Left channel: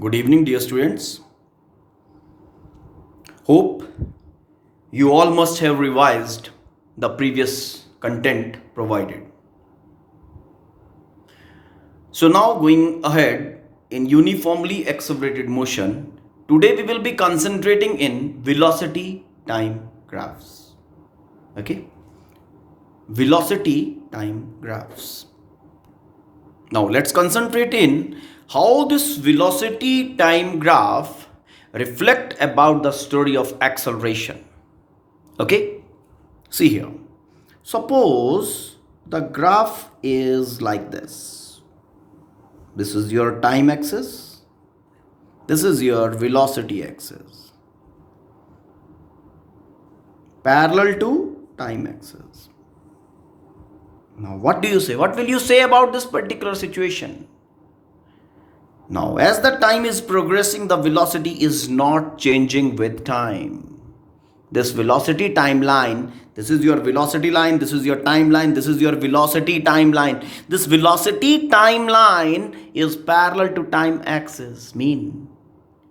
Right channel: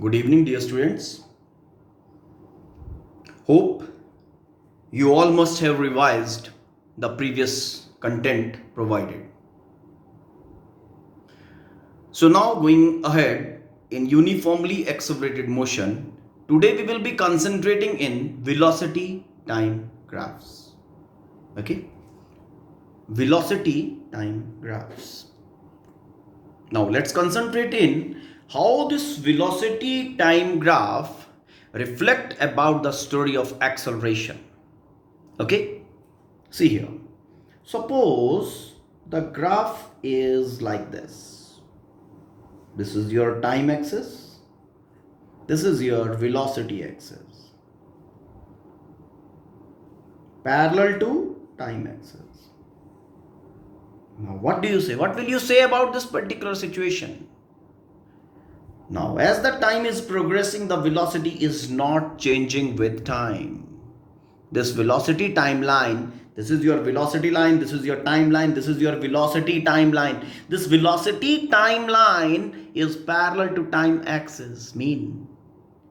Good evening, dear students. Hope you all must have revised the previous content provided. So, now going ahead in uniformly accelerated motion, today we will be concentrating in velocity time graphs. Okay, velocity time graphs. Now, let's concentrate in how this velocity time graph reflect about the story of acceleration. Okay, see here. Suppose the graph is like this. This is your time axis. This is your velocity axis. Parallel to time axis. Now, what do you say? What will you say about this particular situation? Now, as the time is progressing, the velocity is not changing with time. This velocity timeline, this is your velocity line, this is your timeline, this is your velocity timeline. This velocity timeline is parallel to time axis, mean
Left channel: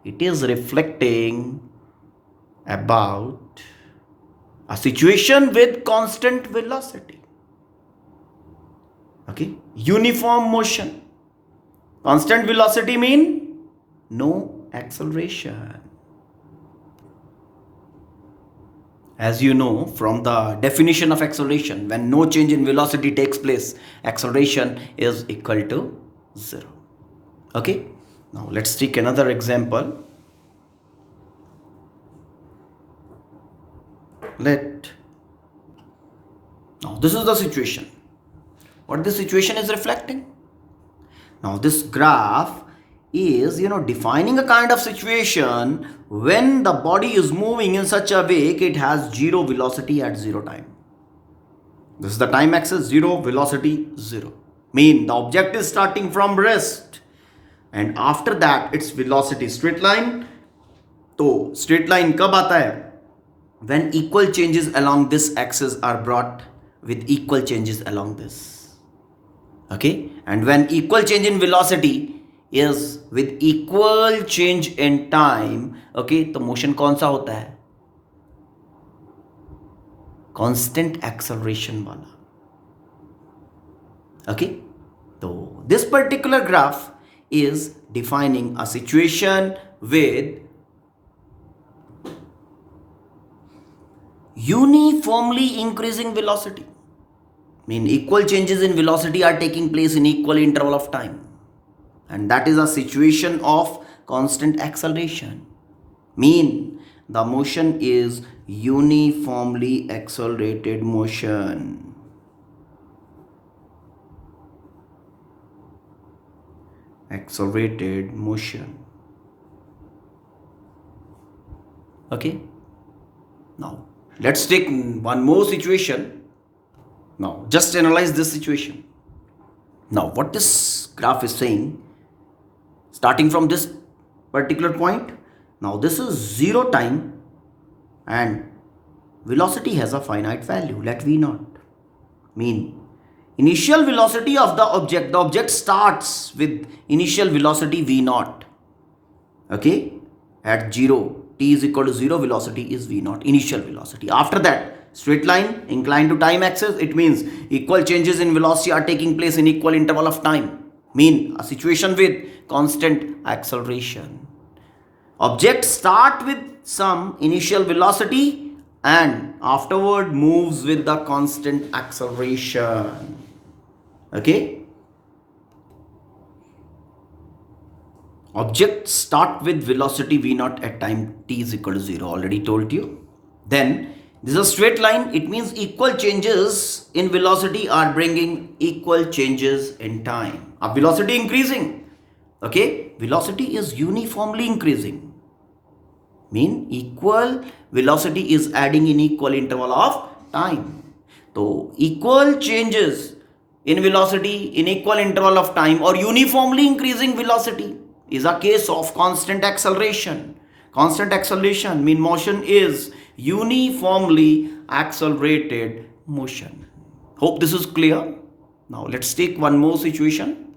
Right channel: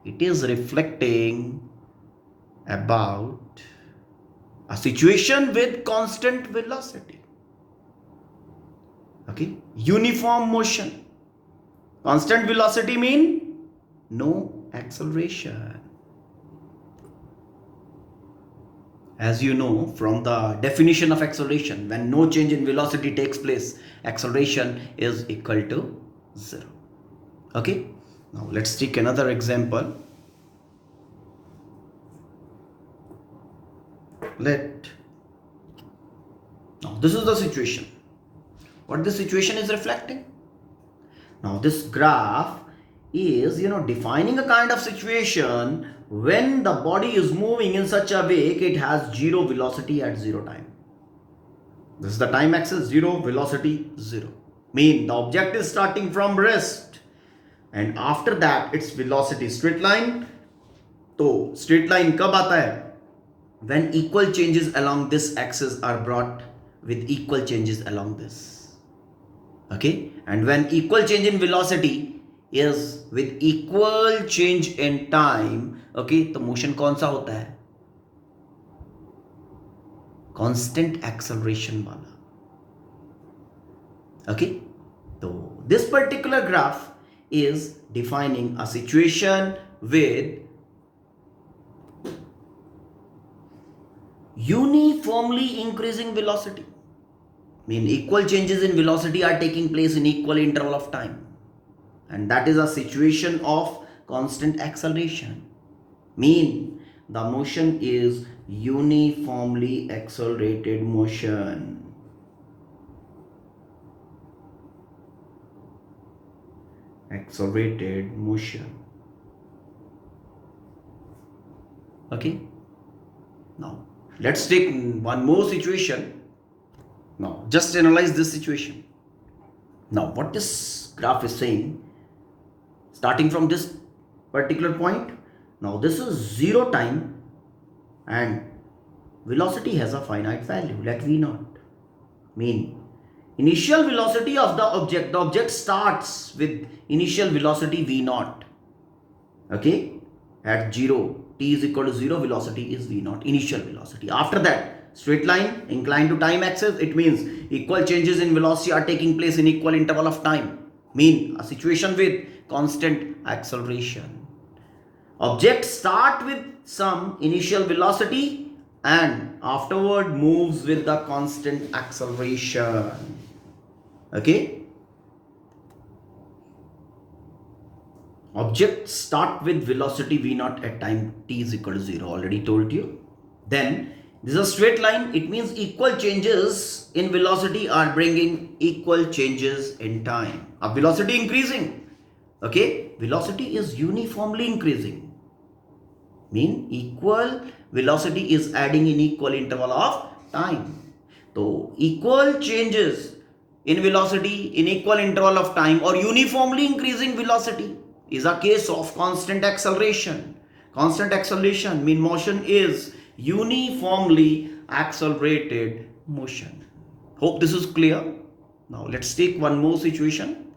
it is reflecting about a situation with constant velocity. Okay, uniform motion. Constant velocity mean no acceleration. As you know from the definition of acceleration, when no change in velocity takes place, acceleration is equal to 0. Okay, now let's take another example. Now this is the situation. What this situation is reflecting? Now this graph is defining a kind of situation when the body is moving in such a way it has zero velocity at zero time. This is the time axis, 0, velocity 0. Mean the object is starting from rest and after that its velocity straight line. तो straight line कब आता है? When equal changes along this axis are brought with equal changes along this. Okay, and when equal change in velocity is with equal change in time, okay, तो motion कौन सा होता है? Constant acceleration वाला. Okay, so this particular graph is defining a situation with uniformly increasing velocity. Mean equal changes in velocity are taking place in equal interval of time, and that is a situation of constant acceleration. Mean the motion is uniformly accelerated motion. Accelerated motion. Okay, now let's take one more situation. Now, just analyze this situation. Now, what this graph is saying, starting from this particular point, now this is 0 time and velocity has a finite value, let v naught. Mean, initial velocity of the object starts with initial velocity v naught. Okay, at 0, t is equal to 0, velocity is v naught, initial velocity. After that, straight line inclined to time axis, it means equal changes in velocity are taking place in equal interval of time. Mean a situation with constant acceleration. Object start with some initial velocity and afterward moves with the constant acceleration. Okay, object start with velocity v naught at time t is equal to 0, already told you. Then this is a straight line, it means equal changes in velocity are bringing equal changes in time. A velocity increasing. Okay, velocity is uniformly increasing. Mean equal velocity is adding in equal interval of time. So equal changes in velocity in equal interval of time or uniformly increasing velocity is a case of constant acceleration. Constant acceleration mean motion is uniformly accelerated motion. Hope this is clear. Now let's take one more situation.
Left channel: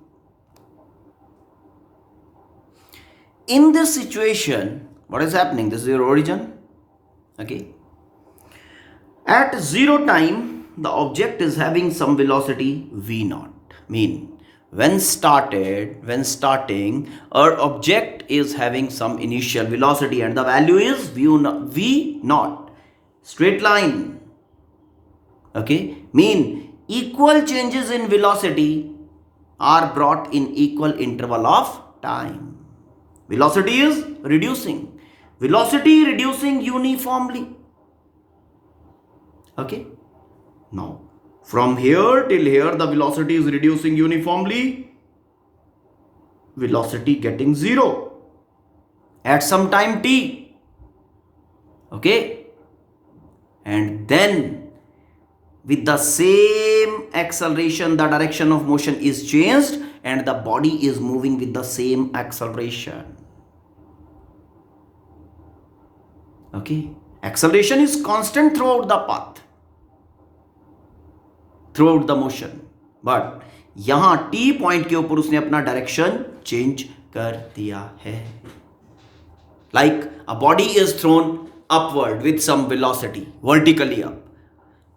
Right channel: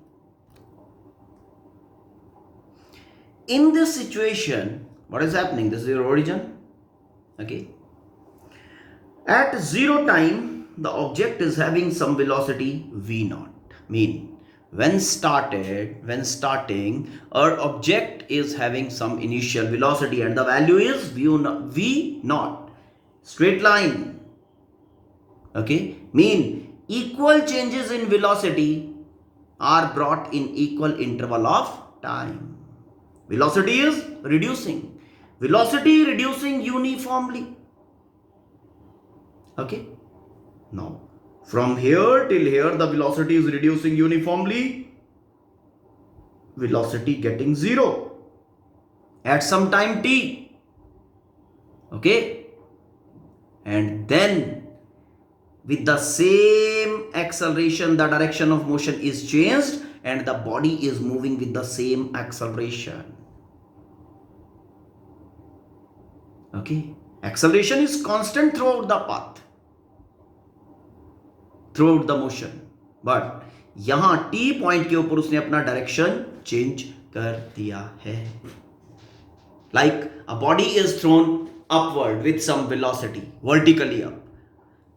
in this situation, what is happening? This is your origin. Okay. At 0 time, the object is having some velocity v naught. Mean when starting, our object is having some initial velocity and the value is v naught. Straight line. Okay. Mean equal changes in velocity are brought in equal interval of time. Velocity is reducing. Velocity reducing uniformly. Okay. Now, from here till here, the velocity is reducing uniformly. Velocity getting 0 at some time t. Okay. And then with the same acceleration, the direction of motion is changed and the body is moving with the same acceleration. Okay. Acceleration is constant throughout the path, throughout the motion. But यहाँ T point के ऊपर उसने अपना direction change कर दिया है. Like a body is thrown upward with some velocity, vertically up,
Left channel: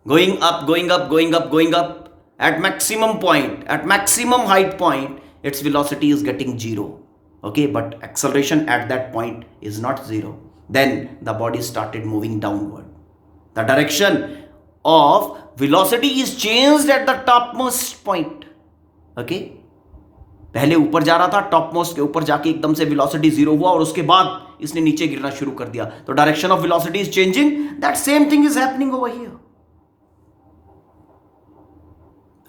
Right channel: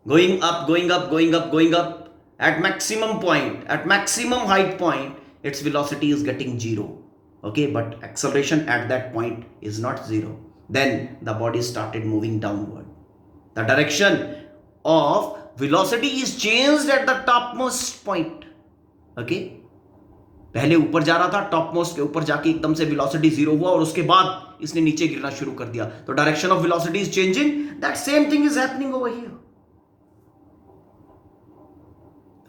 going up, going up, going up, going up. At maximum point, at maximum height point, its velocity is getting 0. Okay, but acceleration at that point is not 0. Then the body started moving downward. The direction of velocity is changed at the topmost point. Okay, पहले ऊपर जा रहा था, topmost के ऊपर जाके एकदम से velocity 0 हुआ और उसके बाद इसने नीचे गिरना शुरू कर दिया. तो direction of velocity is changing. That same thing is happening over here.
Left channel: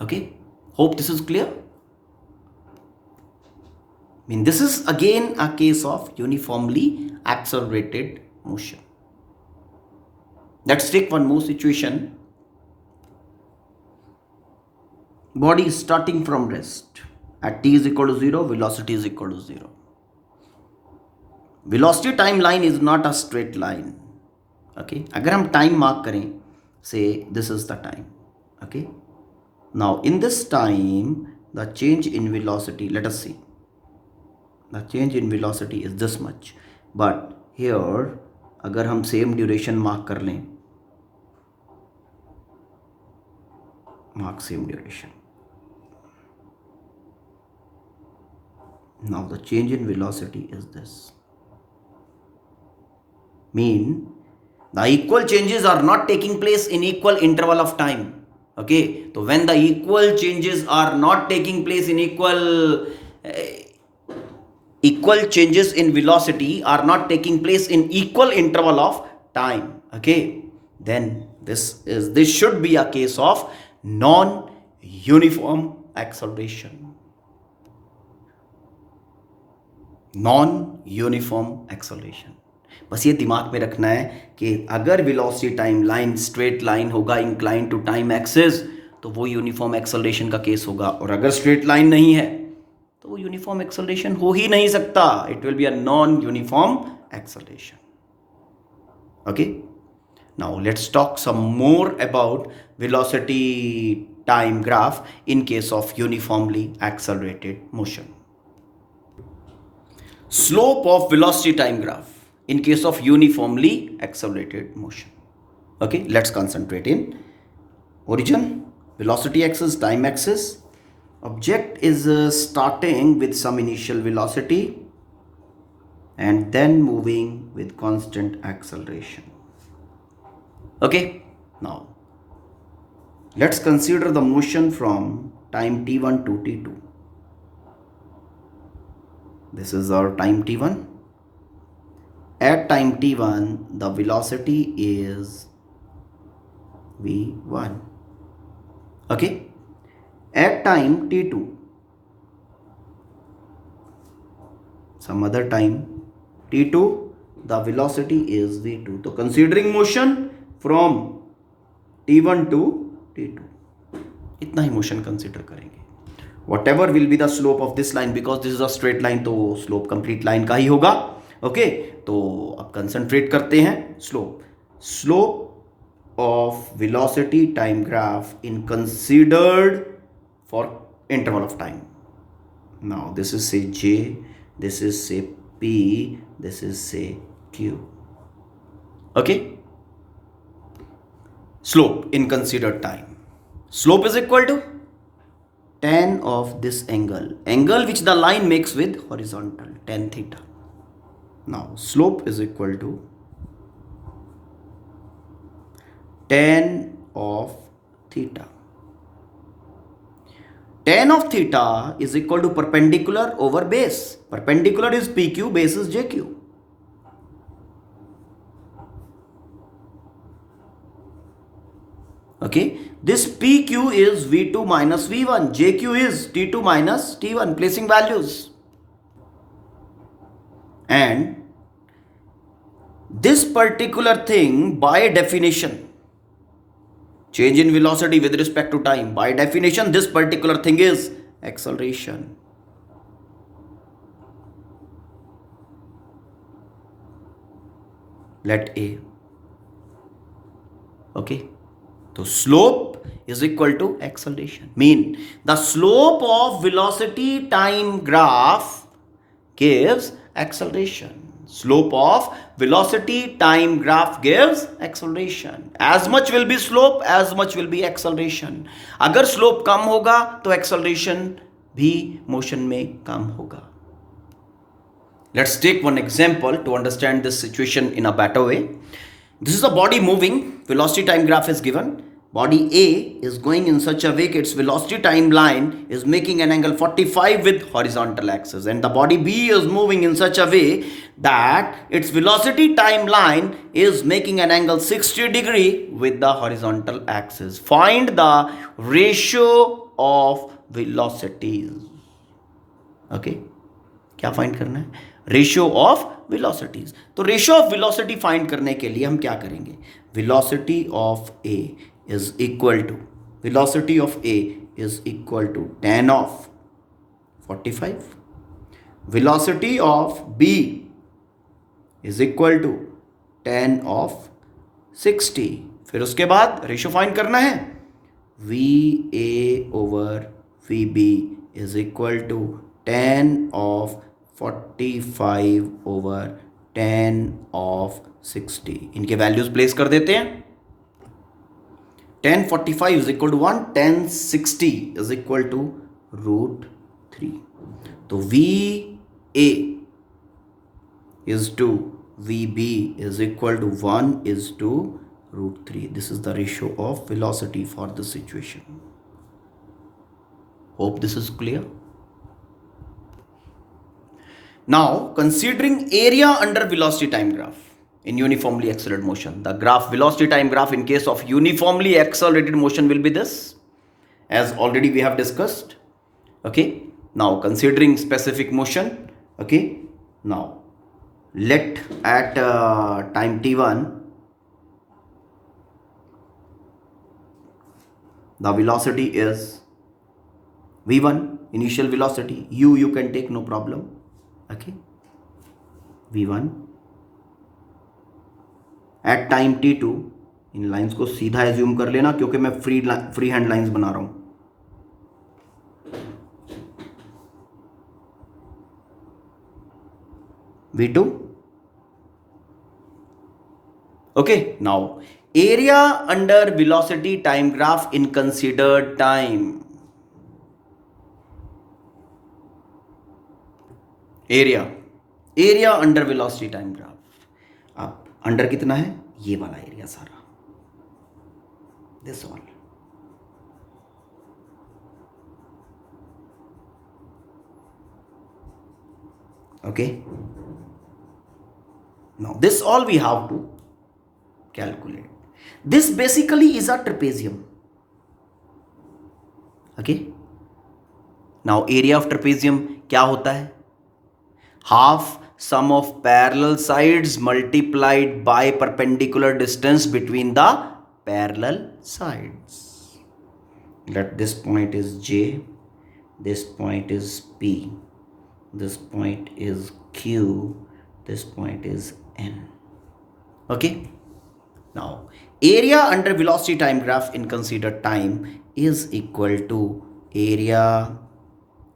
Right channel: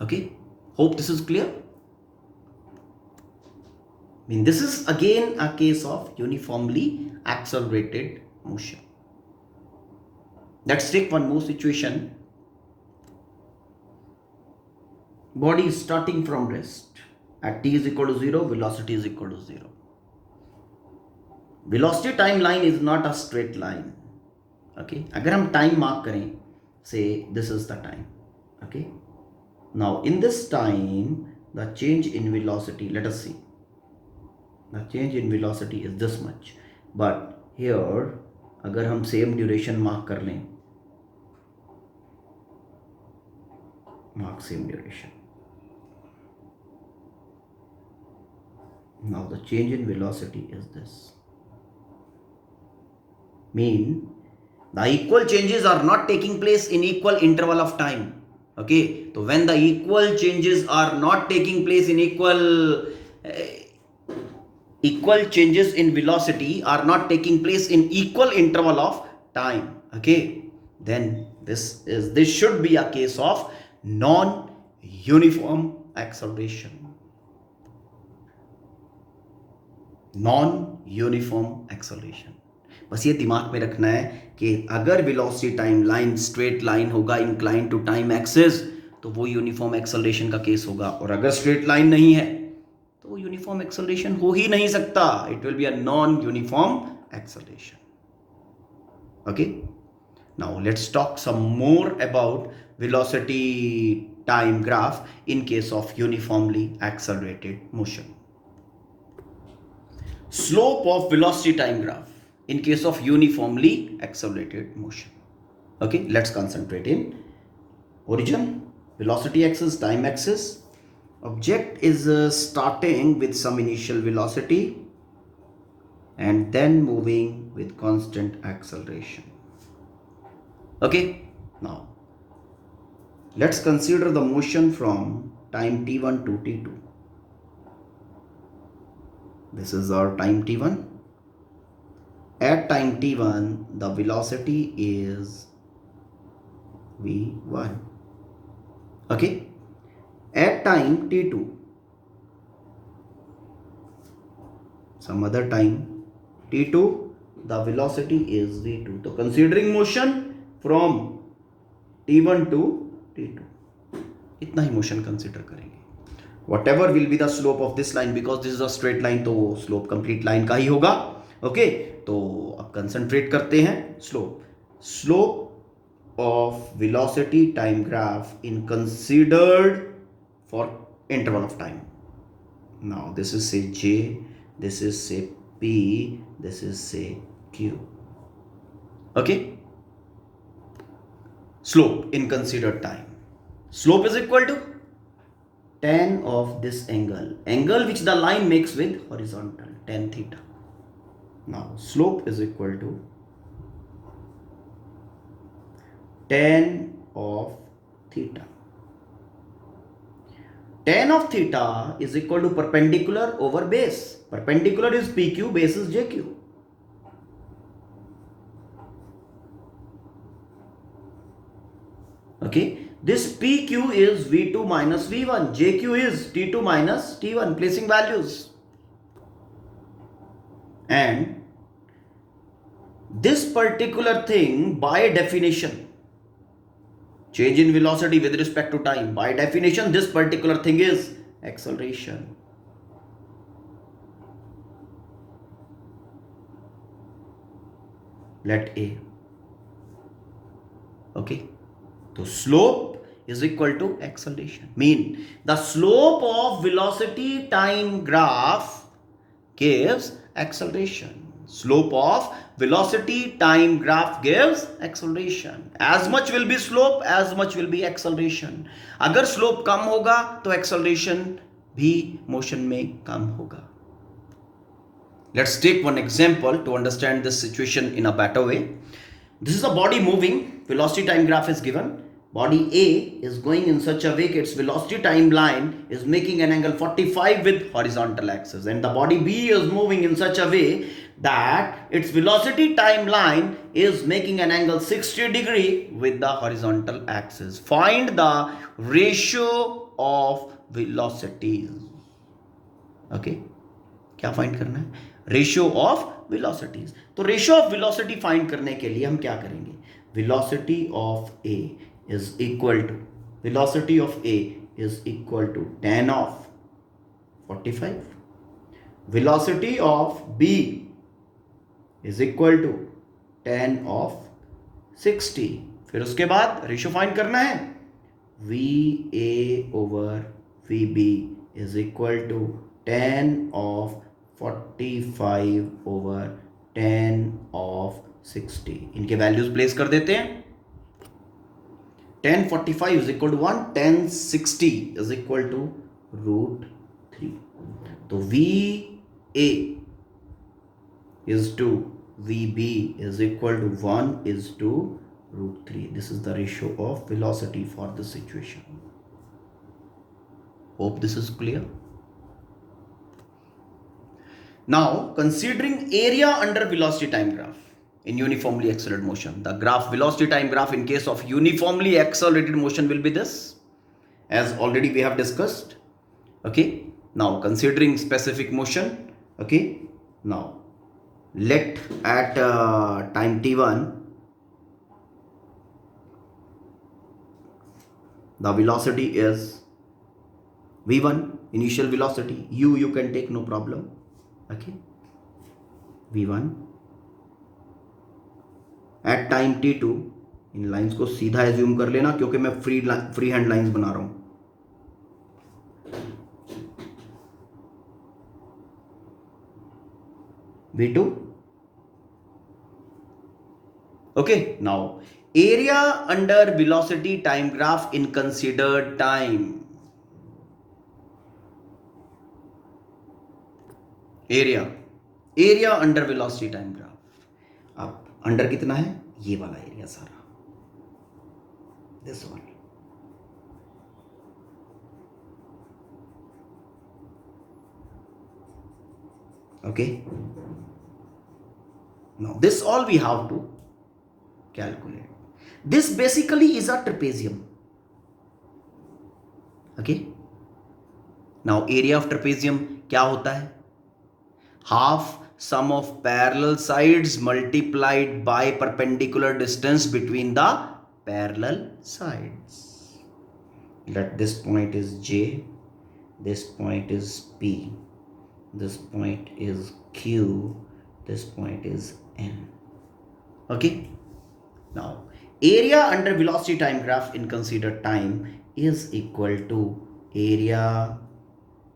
Okay, hope this is clear. I mean, this is again a case of uniformly accelerated motion. Let's take one more situation. Body is starting from rest. At t is equal to 0, velocity is equal to 0. Velocity time line is not a straight line. Okay, अगर हम time mark करें, say this is the time. Okay, now in this time, the change in velocity, let us see. The change in velocity is this much. But here, अगर हम same duration mark कर लें, mark same duration. Now the change in velocity is this. Mean the equal changes are not taking place in equal interval of time. Okay, so when the equal changes are not taking place in equal changes in velocity are not taking place in equal interval of time. Okay, then this should be a case of non-uniform acceleration. Non-uniform acceleration. बस ये दिमाग में रखना है कि अगर velocity time line straight line होगा incline to time axis तो वो यूनिफॉर्म एक्सेलरेशन का केस होगा, और अगर स्ट्रेट लाइन नहीं है तो वो यूनिफॉर्म एक्सेलरेशन हो ही नहीं सकता. It will be a non uniform acceleration. Okay, now let's talk some more about velocity time graph in case of uniformly accelerated motion. Slope of velocity time graph in case of uniformly accelerated motion. Okay, let's concentrate in origin, velocity axis, time axis. Object is starting with some initial velocity and then moving with constant acceleration. Okay, now let's consider the motion from time t1 to t2. This is our time t1. At time t1, the velocity is v1. Okay. At time t2, some other time t2, the velocity is v2. So considering motion from t1 to t2, इतना ही motion consider करेंगे. Whatever will be the slope of this line, because this is a straight line, तो slope complete line का ही होगा. Okay, तो अब concentrate करते हैं slope of velocity time graph in considered for interval of time. Now this is say j, this is say P, this is say Q. Okay? Slope in considered time. Slope is equal to tan of this angle which the line makes with horizontal, tan theta. Now slope is equal to tan of theta. Tan of theta is equal to perpendicular over base. Perpendicular is PQ, base is JQ. Okay, this PQ is V2 minus V1, JQ is T2 minus T1, placing values. And this particular thing, by definition, change in velocity with respect to time, by definition, this particular thing is acceleration. Let A. Okay. So slope is equal to acceleration. Mean the slope of velocity time graph gives acceleration. Slope of velocity time graph gives acceleration. As much will be slope, as much will be acceleration. अगर slope कम होगा तो acceleration भी motion में कम होगा. Let's take one example to understand this situation in a better way. This is a body moving, velocity time graph is given. Body A is going in such a way that its velocity time line is making an angle 45 with horizontal axis, and the body B is moving in such a way that its velocity time line is making an angle 60 degree with the horizontal axis. Find the ratio of velocities. Okay, क्या find करना है? Ratio of velocities. तो ratio of velocity find करने के लिए हम क्या करेंगे? Velocity of A is equal to tan of 45. Velocity of B is equal to tan of 60. फिर उसके बाद रेशियो फाइंड करना है. VA over VB is equal to tan of 45 over tan of 60. इनके वैल्यूज प्लेस कर देते हैं. tan 45 is equal to 1, tan 60 is equal to root 3. तो VA is to VB is equal to 1 is to root 3. This is the ratio of velocity for the situation. Hope this is clear. Now, considering area under velocity time graph in uniformly accelerated motion. The graph, velocity time graph in case of uniformly accelerated motion will be this, as already we have discussed. Okay. Now, considering specific motion. Okay. Now, let at time t1, the velocity is v1, initial velocity. You can take, no problem. Okay, v1 at time t2. In lines को सीधा assume कर लेना क्योंकि मैं free hand lines बना रहा हूं. v2. Okay, now area under velocity time graph in considered time. Area under velocity time graph. आप अंडर कितना है? ये वाला एरिया सारा, this one. Okay, now this all we have to calculate. This basically is a trapezium. Okay, now area of trapezium क्या होता है? Half sum of parallel sides multiplied by perpendicular distance between the parallel sides. Let this point is J, this point is P, this point is Q, this point is N. Okay, now area under velocity time graph in considered time is equal to area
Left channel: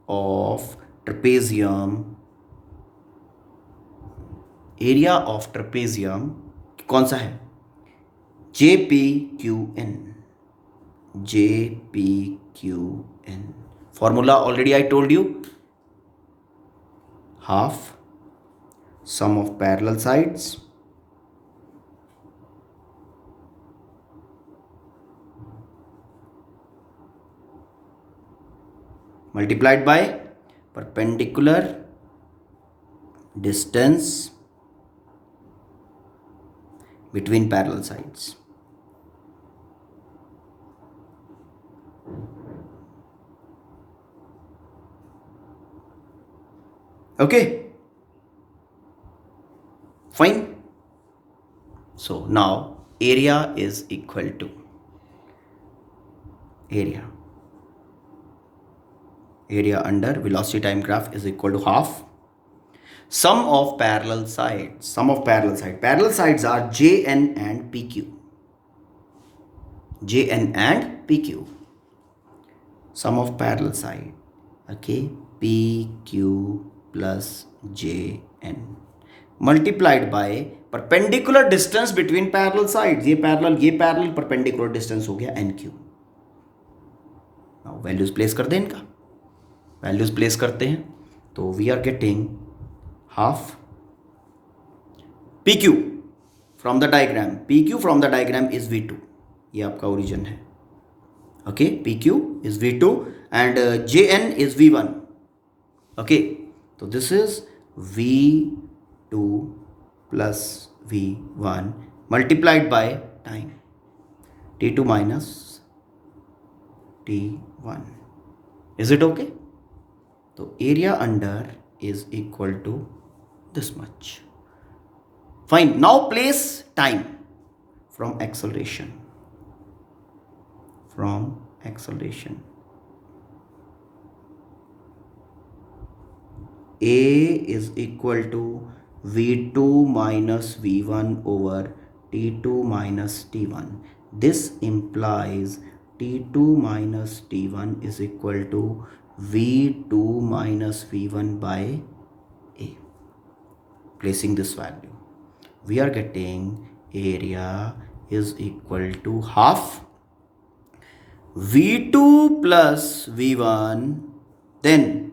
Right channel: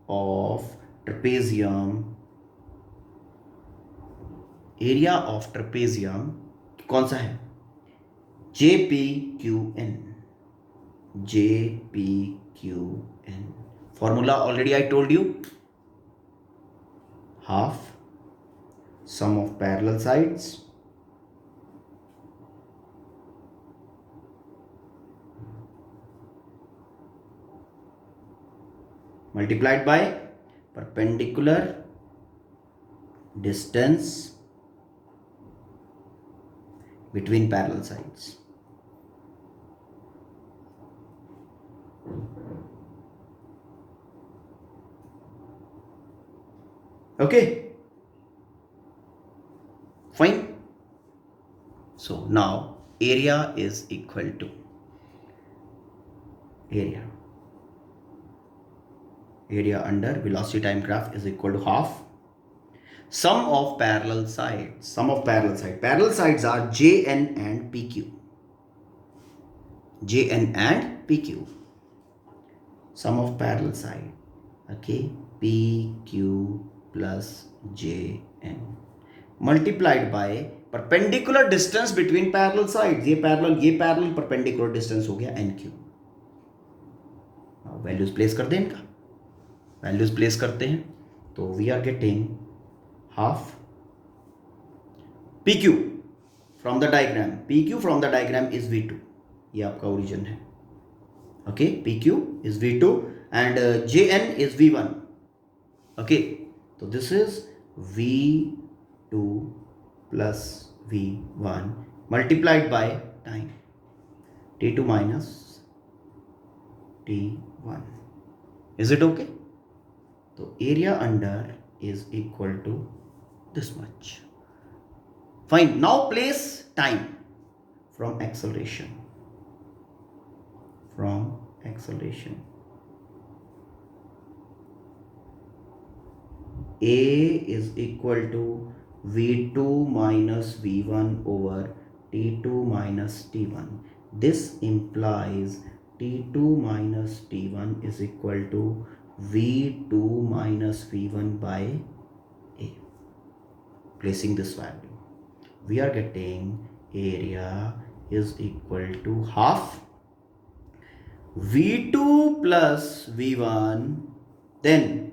of trapezium area of trapezium कौन सा है? J P Q N, J P Q N. Formula already I told you, half sum of parallel sides multiplied by perpendicular distance between parallel sides. Okay, fine. So now area is equal to area under velocity time graph is equal to half sum of parallel sides. Parallel sides are jn and pq. Sum of parallel side, okay, pq plus jn multiplied by perpendicular distance between parallel sides. ये parallel perpendicular distance हो गया nq. Now values place कर दें, इनका values place करते हैं तो we are getting half pq from the diagram is v2. ये आपका origin है, okay. pq is v2 and jn is v1, okay. So this is v2 plus v1 multiplied by time t2 minus t1. Is it okay? So area under is equal to this much. Fine. Now place time from acceleration. A is equal to v2 minus v1 over t2 minus t1. This implies t2 minus t1 is equal to v2 minus v1 by a. Placing this value, we are getting area is equal to half v2 plus v1 then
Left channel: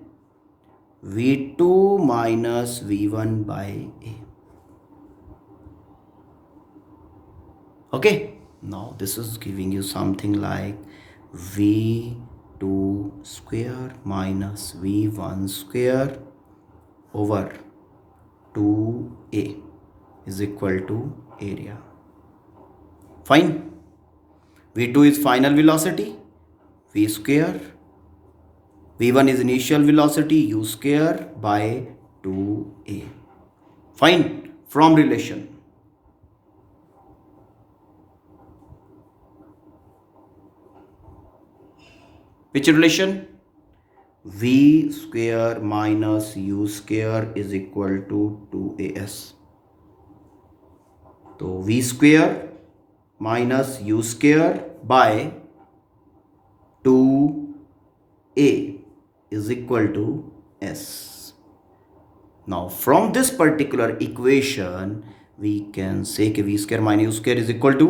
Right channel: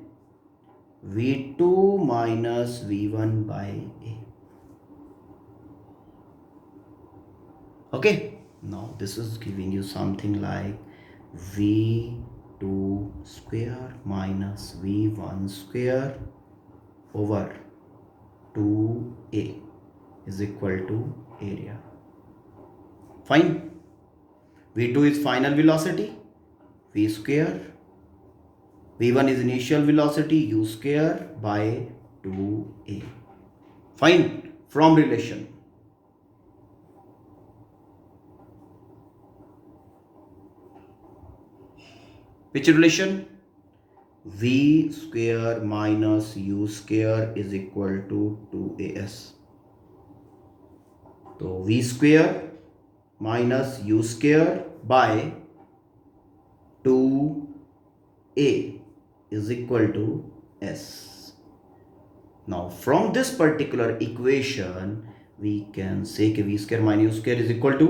v2 minus v1 by a. Okay, now this is giving you something like v2 square minus v1 square over 2a is equal to area. Fine. v2 is final velocity, v square. v1 is initial velocity, u square by 2a. Fine. From relation, which relation? v square minus u square is equal to 2as. So v square minus u square by 2a is equal to s. Now from this particular equation we can say कि v square minus u square is equal to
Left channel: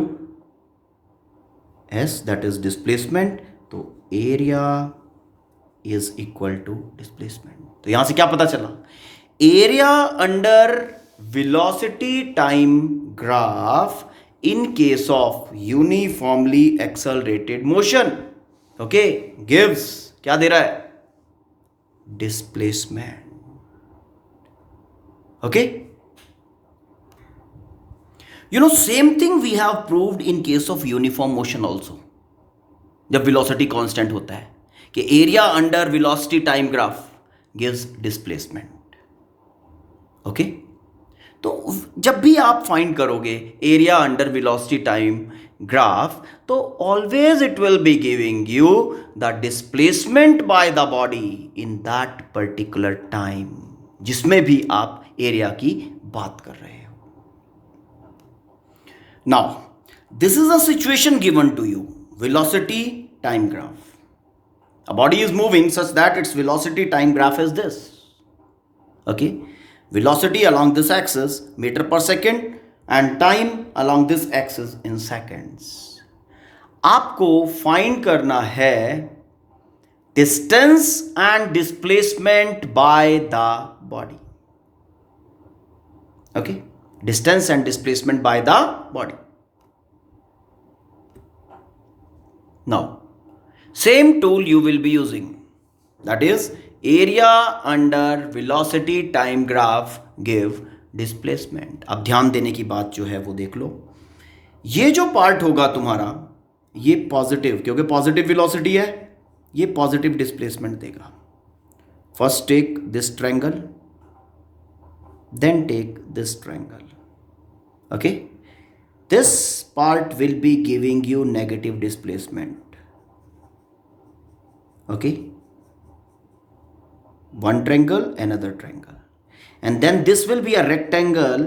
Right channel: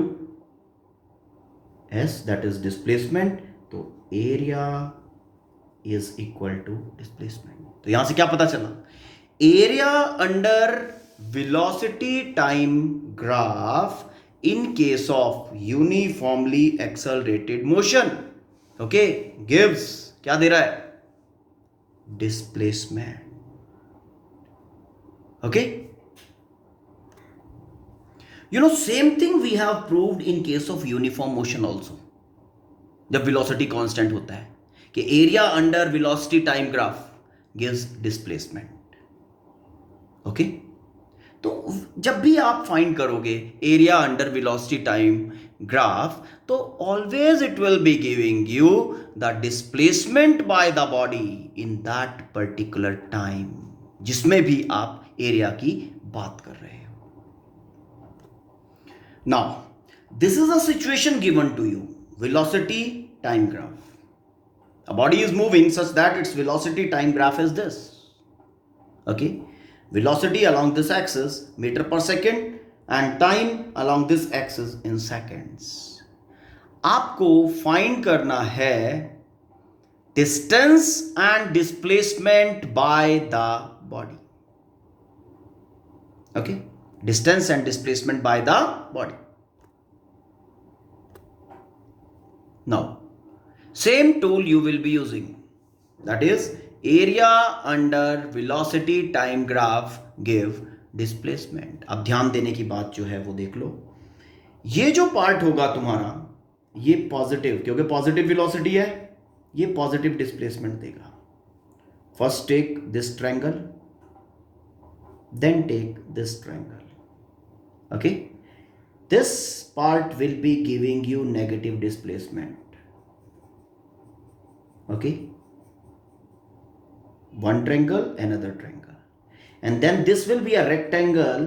s, that is displacement. तो area is equal to displacement. तो यहां से क्या पता चला? area under velocity time graph in case of uniformly accelerated motion, okay, gives क्या दे रहा है? Displacement. Okay, you know, same thing we have proved in case of uniform motion also. जब velocity constant होता है कि area under velocity time graph gives displacement. Okay, तो जब भी आप फाइंड करोगे area under velocity time graph तो always it will be giving you the displacement by the body in that particular time, जिसमें भी आप एरिया की बात कर रहे हो. Now this is the situation given to you, velocity time graph. A body is moving such that its velocity time graph is this. Okay. velocity along this axis meter per second and time along this axis in seconds. आपको find करना है distance and displacement by the body. Okay, distance and displacement by the body. Now, same tool you will be using, that is area under velocity time graph give displacement. अब ध्यान देने की बात जो है वो देख लो, ये जो पार्ट होगा तुम्हारा ये पॉजिटिव, क्योंकि पॉजिटिव वेलोसिटी है, ये पॉजिटिव डिस्प्लेसमेंट देगा. First take this triangle, then take this triangle. Okay, this part will be giving you negative displacement. Okay, one triangle, another triangle, and then this will be a rectangle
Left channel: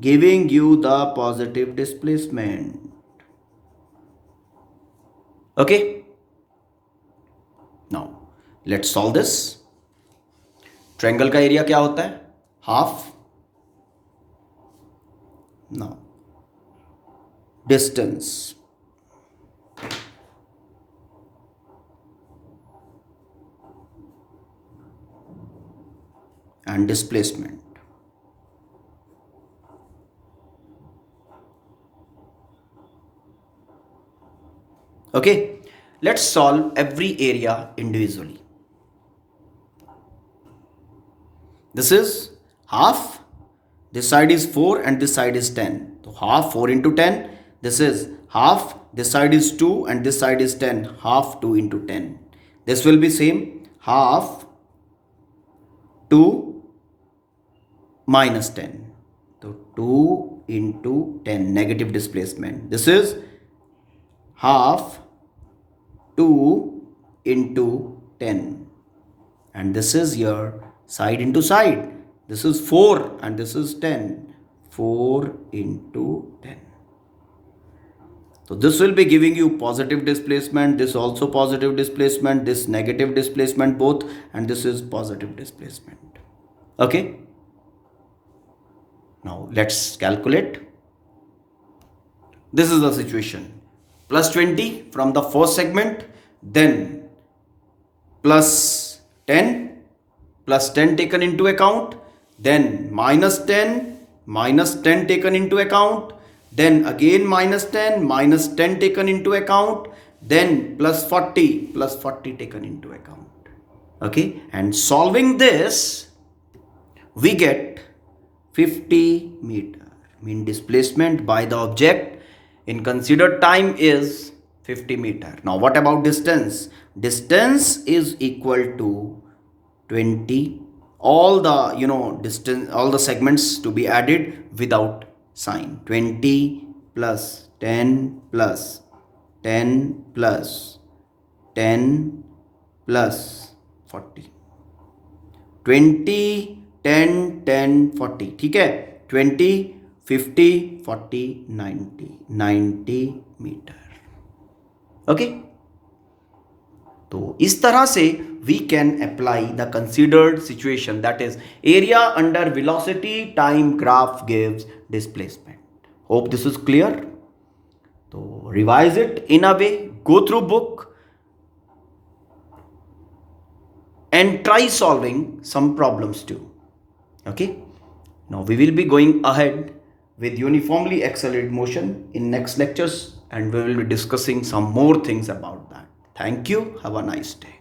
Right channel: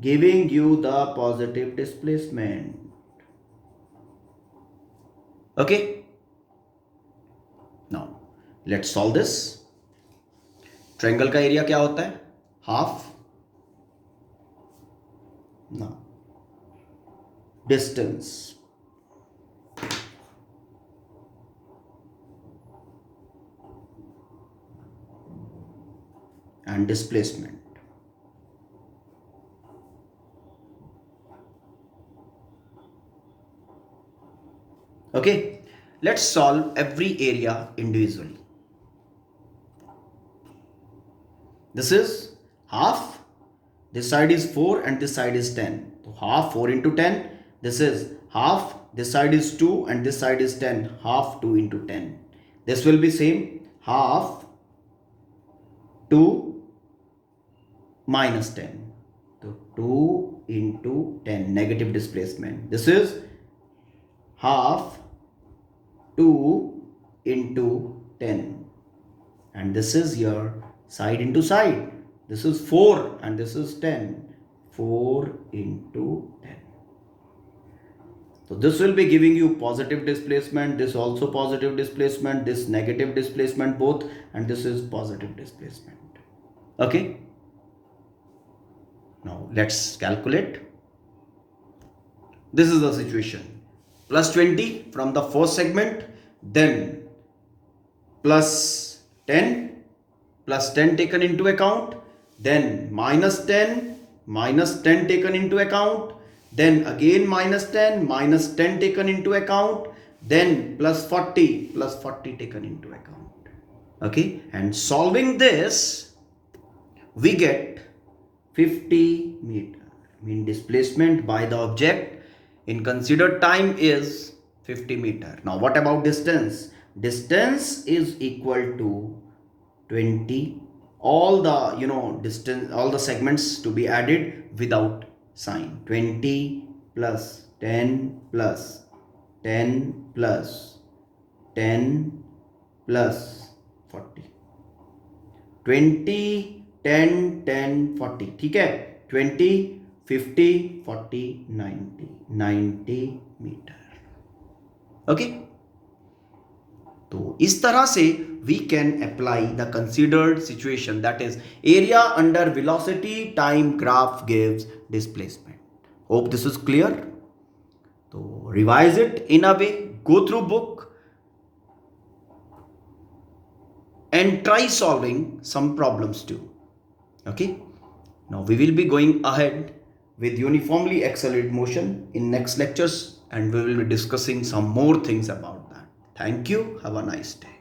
giving you the positive displacement. Okay, now let's solve this. Triangle का area क्या होता है? Half. now distance and displacement. Okay, let's solve every area individually. This is half, this side is 4 and this side is 10. So half 4 into 10, this is half, this side is 2 and this side is 10, half 2 into 10. This will be same, half 2 minus 10. So 2 into 10, negative displacement. This is half 2 into 10. And this is your side into side. This is 4 and this is 10. 4 into 10. So this will be giving you positive displacement, this also positive displacement, this negative displacement both, and this is positive displacement. Okay. Now let's calculate. This is the situation. Plus 20 from the first segment, then plus 10, plus 10 taken into account, then minus 10 taken into account, then again minus 10 taken into account, then plus 40 taken into account. Okay, and solving this, we get 50 meter. Mean displacement by the object in considered time is 50 meter. Now what about distance? Distance is equal to 20. All the distance, all the segments to be added without sign. 20 plus 10 plus 10 plus 10 plus 40. 20 10 10 40. ठीक है, 20 50 40 90 metre. Okay, तो इस तरह से we can apply the considered situation, that is area under velocity time graph gives displacement. Hope this is clear. So revise it in a way, go through book and try solving some problems too. Okay, now we will be going ahead with uniformly accelerated motion in next lectures, and we will be discussing some more things about that. Thank you. Have a nice day.